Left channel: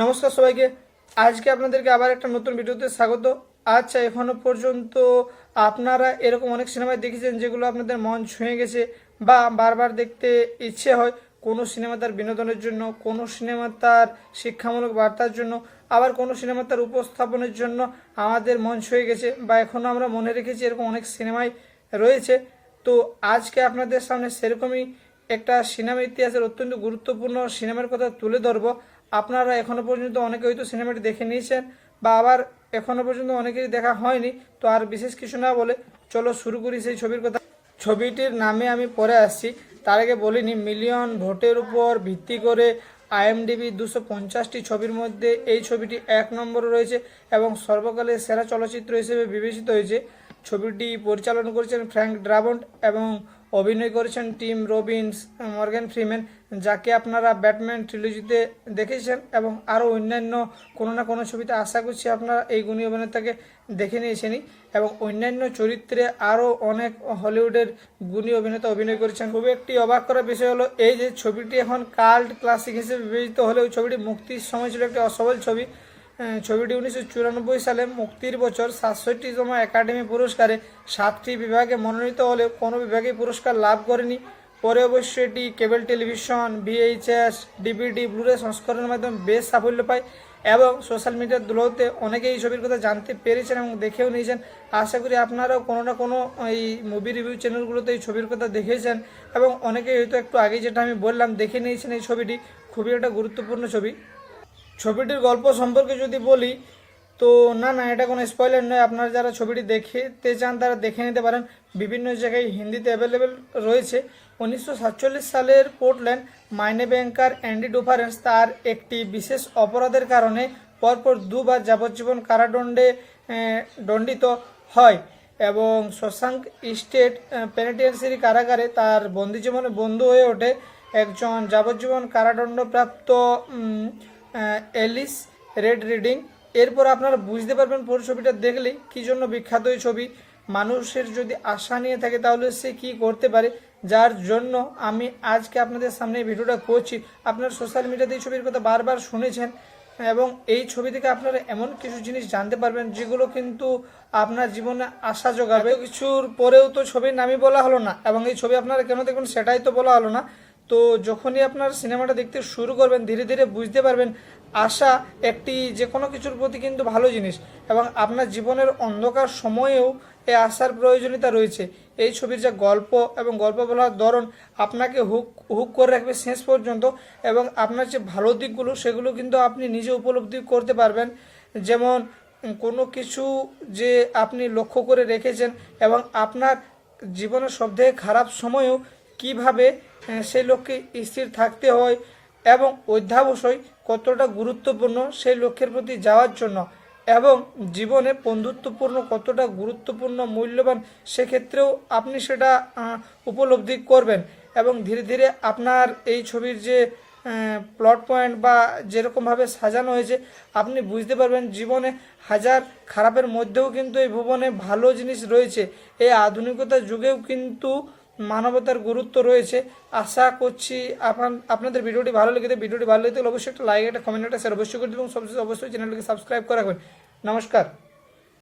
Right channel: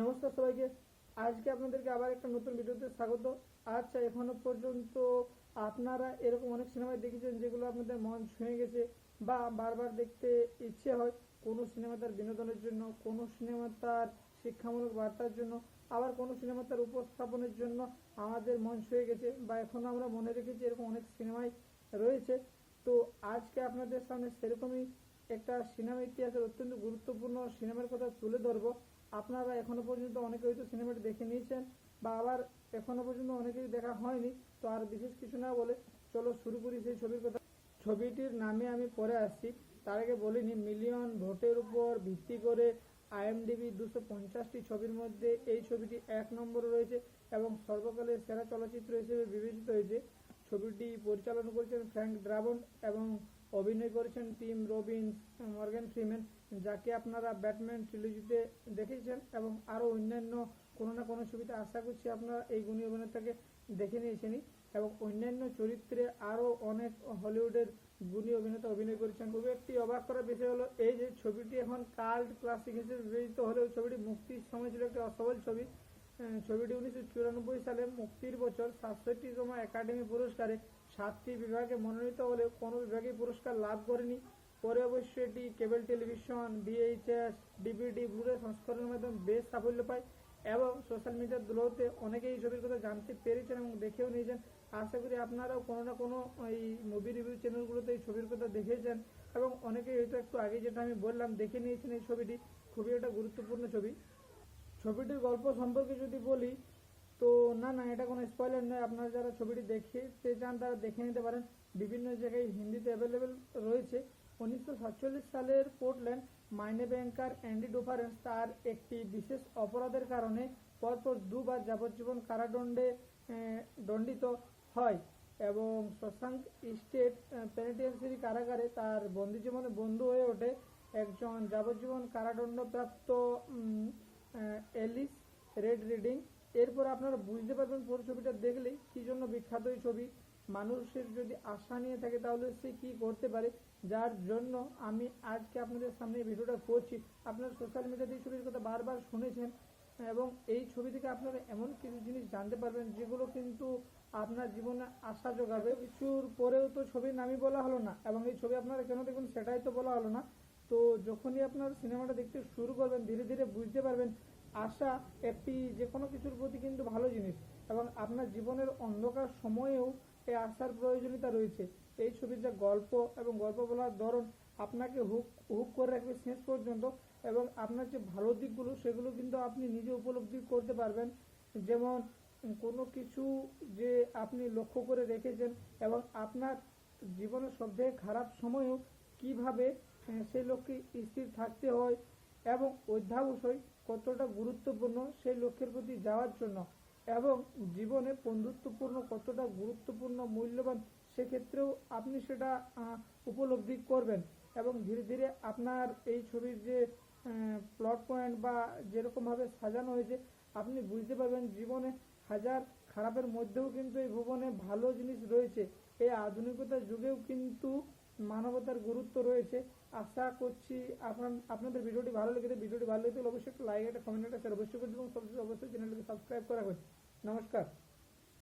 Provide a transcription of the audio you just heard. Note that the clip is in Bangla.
নমস্কার সবাইকে। আজকে আপনাদেরকে আবার একটা নতুন ভিডিওতে স্বাগত। আচ্ছা এখনও পর্যন্ত আপনারা এরকম অনেক সিনেমায় দেখেছেন যেগুলো আপনাদের মন ছুঁয়ে গেছে বা বারবার দেখতে ইচ্ছে হয়। কোনো সিনেমা তার বিনোদনের জন্য, কোনো সিনেমা তার শিক্ষামূলক বার্তার জন্য, আবার কোনো সিনেমা তার উপস্থাপনের জন্য আমাদের মন ছুঁয়ে গেছে বা এখনও আমরা মনে রেখেছি এরকম অনেক সিনেমাই রয়েছে। তো আজকে আপনাদের সামনে সেরকমই একটা সিনেমা ইতিহাসের অত্যন্ত গুরুত্বপূর্ণ সিনেমার কথা তুলে ধরবো। আপনারা এখনও পর্যন্ত অনেকে হয়তো সিনেমাটি দেখে নিয়েছেন বা আবার এখনও পর্যন্ত অনেকেরই দেখা হয়নি, তো আর বিশেষ কিছু না বলে চলো শুরু করি সেই ছবির কথা। ছবিটির নামে আমি পরে আসছি। তার আগে বলিনি, মিলিয়ন ভোটের উপর ভিত্তি করে আইএমডিবি দুশো পঞ্চাশটি ছবির মধ্যে এই ছবিটি এক নম্বরে রয়েছে এবং সর্বকালের সেরা চলচ্চিত্র হিসেবে বিবেচিত হয়েছে। ছবিটি পরিচালনা করেছেন ফ্র্যাঙ্ক ড্রাবন্ট এবং অভিনয় করেছেন টিম রবিনস মর্গ্যান ফ্রিম্যান, যাকে আপনারা ব্যাটম্যান ট্রিলজিতে দেখেছেন এবং আরও অন্যান্য কোনো না কোনো ছবিতে আশা করছি আপনারা এই গুণী অভিনেতাকে দেখে নিয়েছেনই এবং অন্যান্য চরিত্রে আরও অনেক হলিউডের গুণী অভিনেতা অভিনয় করেছেন। খুবই একটি অবাক করার বিষয় হলো এই যে ছবিটি এখন কাল্ট ক্লাসিক হিসেবে বিবেচিত হলেও ছবিটি মুক্তির সময় ছিল একটি অসবল ছবি। ছবিটি উনিশশো চুরানব্বই সালে মুক্তির বছর সাতষট্টিতম একাডেমি পুরস্কারে সাতটি বিভাগে মনোনীত হলেও কোনো বিভাগেই পুরস্কার লাভ করেনি। পরে অবশ্য এটি কেবল টেলিভিশন, ভিএইচএস, ডিভিডি, ব্লুরে সংস্করণের মাধ্যমে বেশ সাফল্য পায় এবং সোশ্যাল মিডিয়ার দুলোতে অনেকেই এই ছবির কথা জানতে পেরেছেন এবং দেখেও নিয়েছেন। আশা করি আপনারাও কোনো না কোনো এই মুভি রিভিউ চ্যানেলগুলোতে এই ছবির কথা দেখেছেন এবং অনেকেই হয়তো একটু আগে যেটা আমি বললাম দেখে নিয়েছেন এই ছবিটি। খুবই একটা গুরুত্বপূর্ণ ছবি। ছবিটির গল্প সম্পর্কে যদি বলি, তো না না, এটা কোনো স্পয়লার নয়। আপনারা যারা ছবিটি দেখতে চান, তারা দেখে নিতে পারেন। বিভিন্ন জায়গায় হিন্দিতে অ্যাভেলেবেল রয়েছে। উনিশশো সাতচল্লিশ সালের পোর্টল্যান্ড মাইনে ব্যাংকার অ্যান্ডি ডুফারেন্স তার একটি বিশেষ অপরাধের কারণে পরপর দুবার যাবজ্জীবন কারাদণ্ডে দণ্ডিত হয় এবং শশাঙ্ক স্টেট পেনিটেন্সিয়ারি কারাগারে তার বন্দি জীবনে বন্ধু হয়ে ওঠে। একজন যাবজ্জীবন কারাদণ্ডপ্রাপ্ত এলিস রেড রিডিং এরপর আপনারা বুঝতে পারবেন পুরো ছবিটা দেখলেই কী জন্য বিখ্যাত এই ছবি। মানুষের যদি আশা নিয়ে থাকে তাহলে সে কি করতে পারে? যার জন্য আমি আজকে আপনাদের সামনে ভিডিওটা করছি। আপনার সোশ্যাল মিডিয়াতে এই ছবির কথা বারবার শুনেছেন এবং এই ছবি থেকে আপনারা এমন কিছু জিনিস জানতে পারবেন যেগুলো কিন্তু আপনার জীবনে আশা এত কিছুর পরেও তো ছবির নামই বলা হলো না এবং এই ছবি আপনারা কেন দেখবেন সেটাই তো বলা হলো না। তো যখনই আপনার সিনেমাটা দেখতে শুরু করবেন, ধীরে ধীরে বুঝতে পারবেন আশা একটি যে কোনো কিছুর প্রতি কিন্তু ভালো জিনিস এবং আপনার জীবনের অন্ধকার সময়েও এই আশার প্রয়োজনীয়তা রয়েছে। এই ছবির যে গল্প এবং গল্প বলার ধরন আপনাকে হুক হুক করে রাখবে শেষ পর্যন্ত এবং আপনার যে ভালো দিকগুলো সেগুলো কিন্তু আপনি নিজে উপলব্ধি করতে পারবেন। যেমন কোনো কিছু যে আপনি লক্ষ্য করে রেখেছেন এবং আপনার জীবনের সবথেকে খারাপ সময়েও কীভাবে সেই লক্ষ্যে স্থির থাকতে হয় এবং অধ্যাবসায় কতটা গুরুত্বপূর্ণ সেই লক্ষ্যের প্রতি যাওয়ার জন্য এবং জীবনে বন্ধুত্বপূর্ণ কতটা গুরুত্বপূর্ণ, মূল্যবান, সেক্ষেত্রেও আপনি সেটা উপলব্ধি করবেন এবং ধীরে ধীরে আপনার এই ছবির যে প্লট পয়েন্ট বা যেরকমভাবে সাজানো হয়েছে, আপনি বুঝতে পারবেন জীবনে হাজার খারাপের মধ্যেও কিন্তু এই ভুবনে ভালো জিনিস রয়েছে। এই আধুনিকতার যুগেও কিন্তু মানবতার গুরুত্ব রয়েছে। আশা করছি আপনার, আপনাদের ভিডিওটি ভালো লেগে থাকে। ভিডিওটি ভালো লেগে অবশ্যই একটা লাইক একটা কমেন্ট একটা শেয়ার অবশ্যই করে দেবেন। সবশেষে অবশ্যই চ্যানেলটিকে সাবস্ক্রাইব করে রাখবেন। নমস্কার।